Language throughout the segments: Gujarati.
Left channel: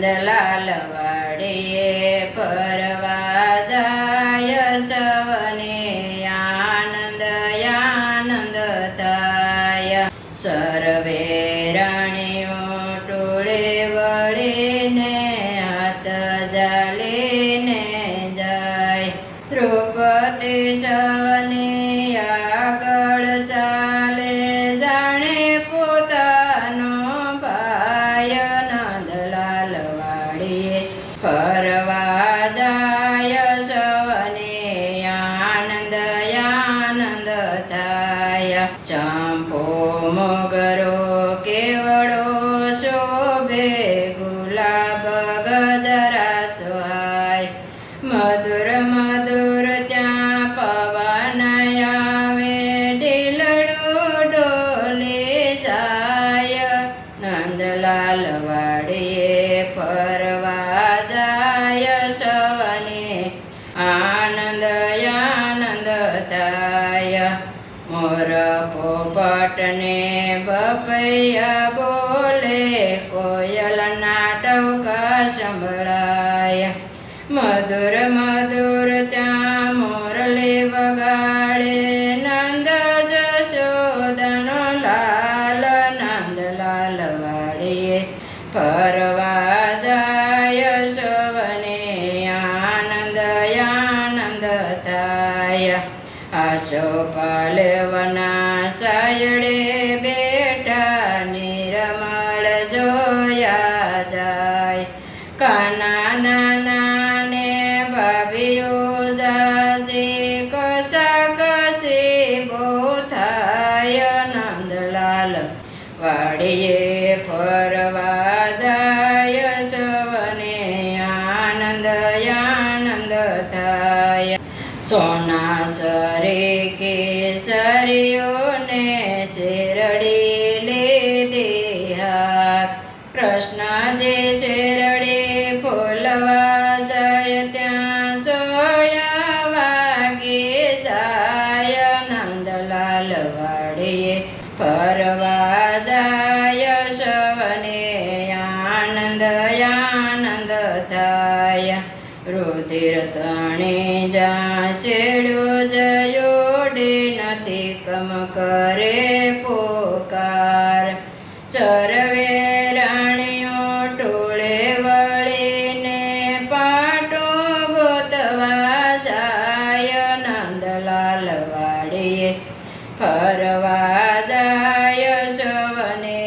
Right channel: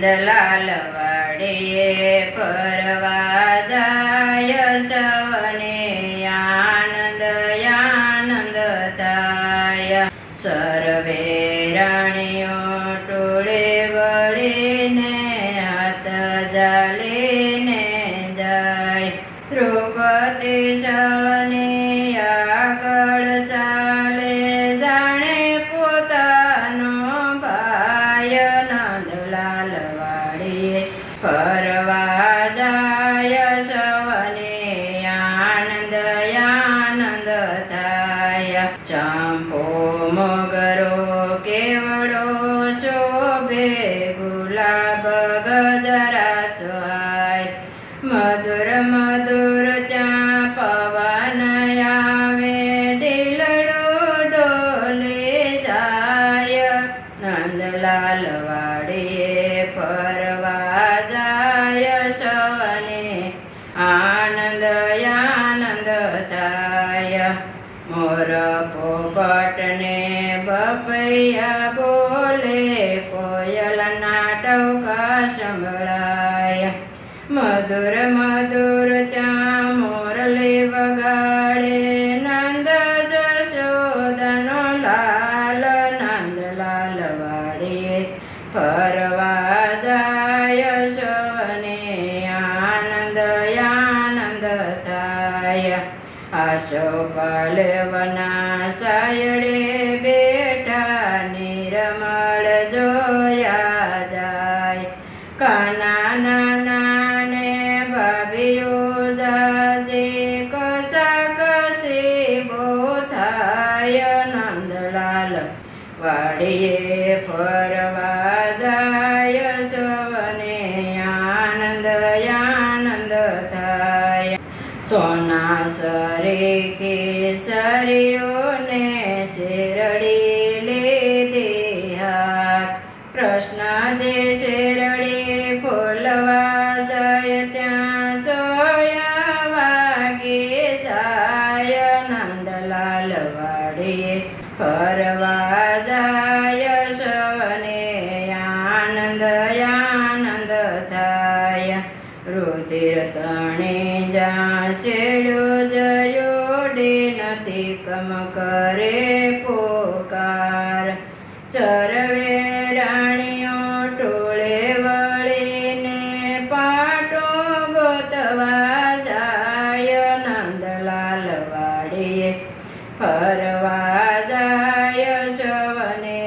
નંદલાલ વાડીએ ફરવા જાય સવને આનંદ આનંદ થાય સર્વે રાણીઓ ટોળે વળીને હાથ જાલીને જાય દ્રૌપદી સવને આગળ ચાલે જાણે પોતાનો ભાઈ નંદલાલ વાડીએ ફરવા જાય સવને આનંદ આનંદ થાય ચંપો મોગરો કેવડો શોભે ગુલાબ ગજરા સોહાય મધુર મધુર ત્યાં પવન આવે ઢીલડું ડોલે જાય નંદલાલ વાડીએ ફરવા જાય સવને આનંદ આનંદ થાય મોર પોપટને બપૈયા બોલે કોયલના ટહુકા સંભળાય મધુર મધુર ત્યાં મોરલી વગાડે નંદ જશોદાનો લાલ નંદલાલ વાડીએ ફરવા જાય સવને આનંદ આનંદ થાય આસોપાલવના છાયડે બેઠા નિરમળ જોયા જાય કાના નાના ભાભીઓ જાજે કસા કસી બો થાય નંદલાલ વાડીએ ફરવા જાય સવને આનંદ આનંદ થાય સોના સરે કેસરીઓને શેરડી લીધી હાથ કૃષ્ણ જે શેરડી ફોલવા જાય ત્યાં સોયા વાગે જાય નંદલાલ વાડીએ ફરવા જાય સવને આનંદ આનંદ થાય રુધિર તણે જા છેડ્યો જયોડે નથી કમ કરે પોકાર સર્વે રાણીઓ ટોળે વળીને પાટો ગોતવા જાય નંદલાલ વાડીએ ફરવા જાય સવને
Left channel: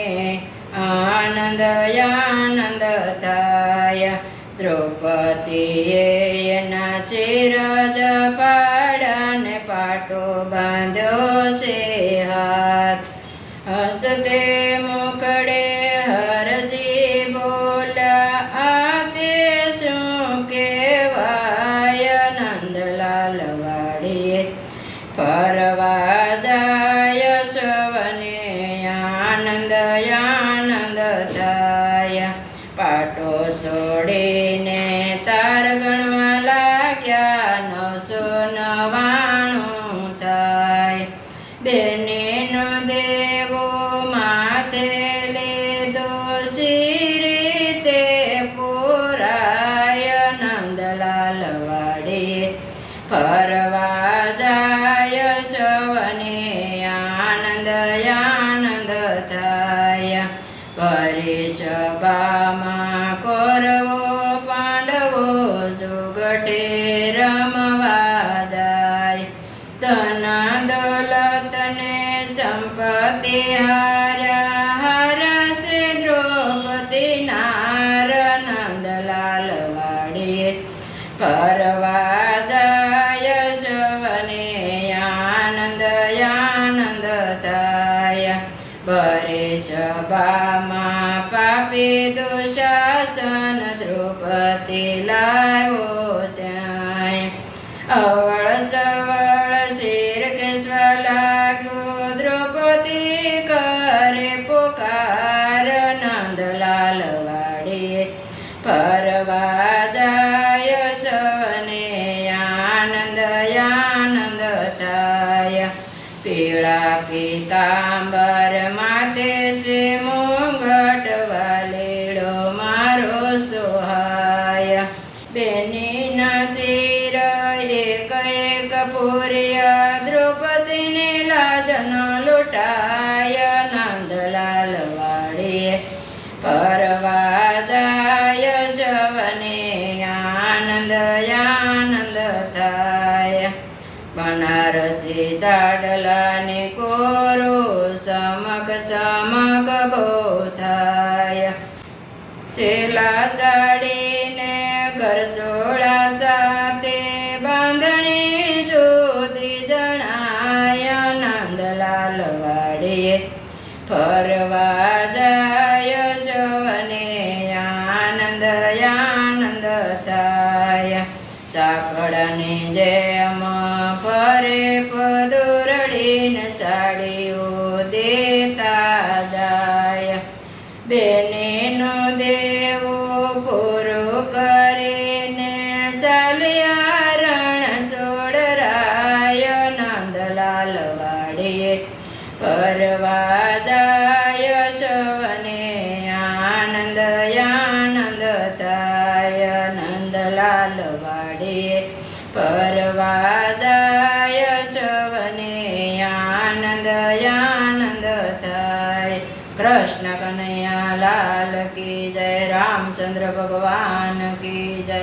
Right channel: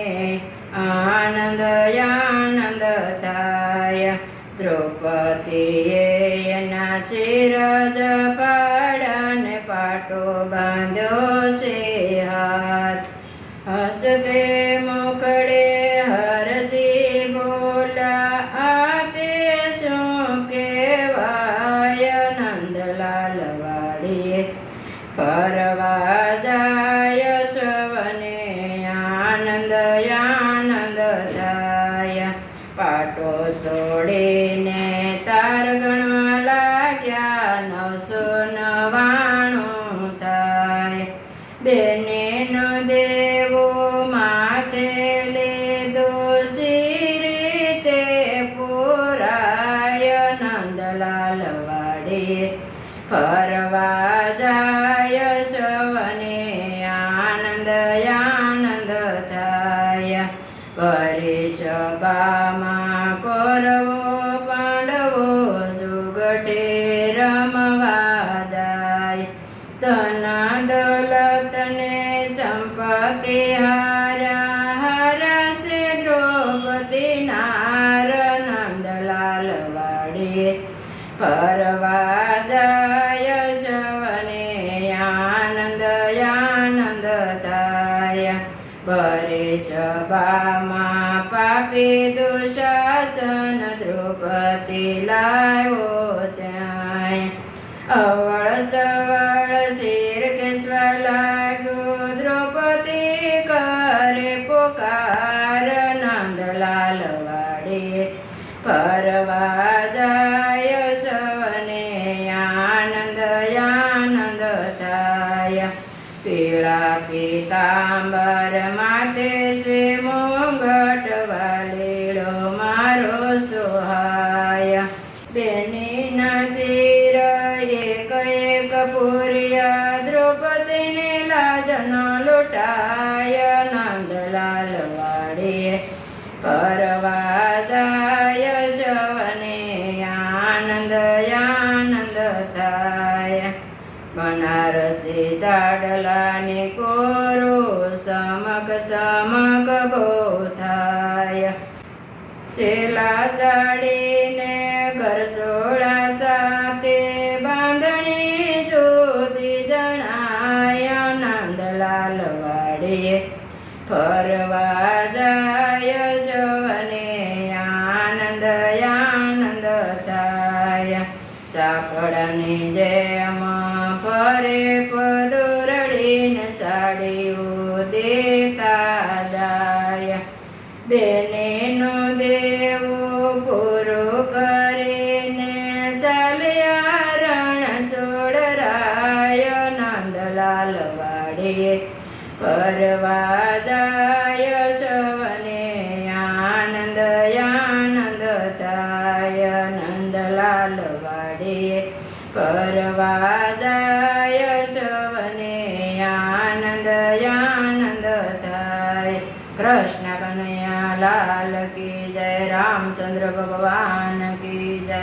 આનંદ આનંદ થાય દ્રૌપદીએ એના શિરજ પાડને પાટો બાંધ્યો છે હાથ હસતે મુખડે હરજી બોલ્યા આ તે શું કહેવાય નંદલાલ વાડીએ ફરવા જાય સવને આનંદ આનંદ થાય પાટો છોડીને તાર ગણવા લાગ્યા 999 થાય બેનેનો દેવો માથે લીધો રીતે પુરાય નંદલાલ વાડીએ ફરવા જાય સવને આનંદ આનંદ થાય પરિસભામાં કૌરવો પાંડવો જુગટે રમવા જાય ધના દોલતને સંપત્તિ હાર્યા હરશે દ્રૌપદી નાર નંદલાલ વાડીએ ફરવા જાય સવને આનંદ આનંદ થાય પરિસભામાં પાપી દુશાસન દ્રૌપદી લાવ્યો ત્યાં અવળ સવળ શિર કેશવા લાગ્યો દ્રૌપદી કરે પુકાર નંદલાલ વાડીએ ફરવા જાય સવને આનંદ આનંદ થાય પીળા પીતાંબર માથે શ્રી મુંગટ વાલેડો મારો સો પૂર્યા દ્રૌપદીને લાજ ન લૂંટાય નંદલાલ વાડીએ ફરવા જાય સવને આનંદ આનંદ થાય બનારસી ચાડલાની કોરો સમક સમક બહુ થાય સેલા ચાડીને ઘરસોળા સાથે બાંધણી જુદી જણાય નંદલાલ વાડીએ ફરવા જાય સવને આનંદ આનંદ થાય ચાકડાની જેમ ફરે પદુરડીને સાડીઓ દેતા જાય બેનીનું દેવું પૂરું કરીને ચાલ્યા રણ છોડરાય નંદલાલ વાડીએ ફરવા જાય સવને આનંદ આનંદ થાય નંદલાલ વાડીએ ફરવા જાય સવને આનંદ આનંદ થાય કૃષ્ણ કનૈયા લાલ કી જય રામચંદ્ર ભગવાન કી જય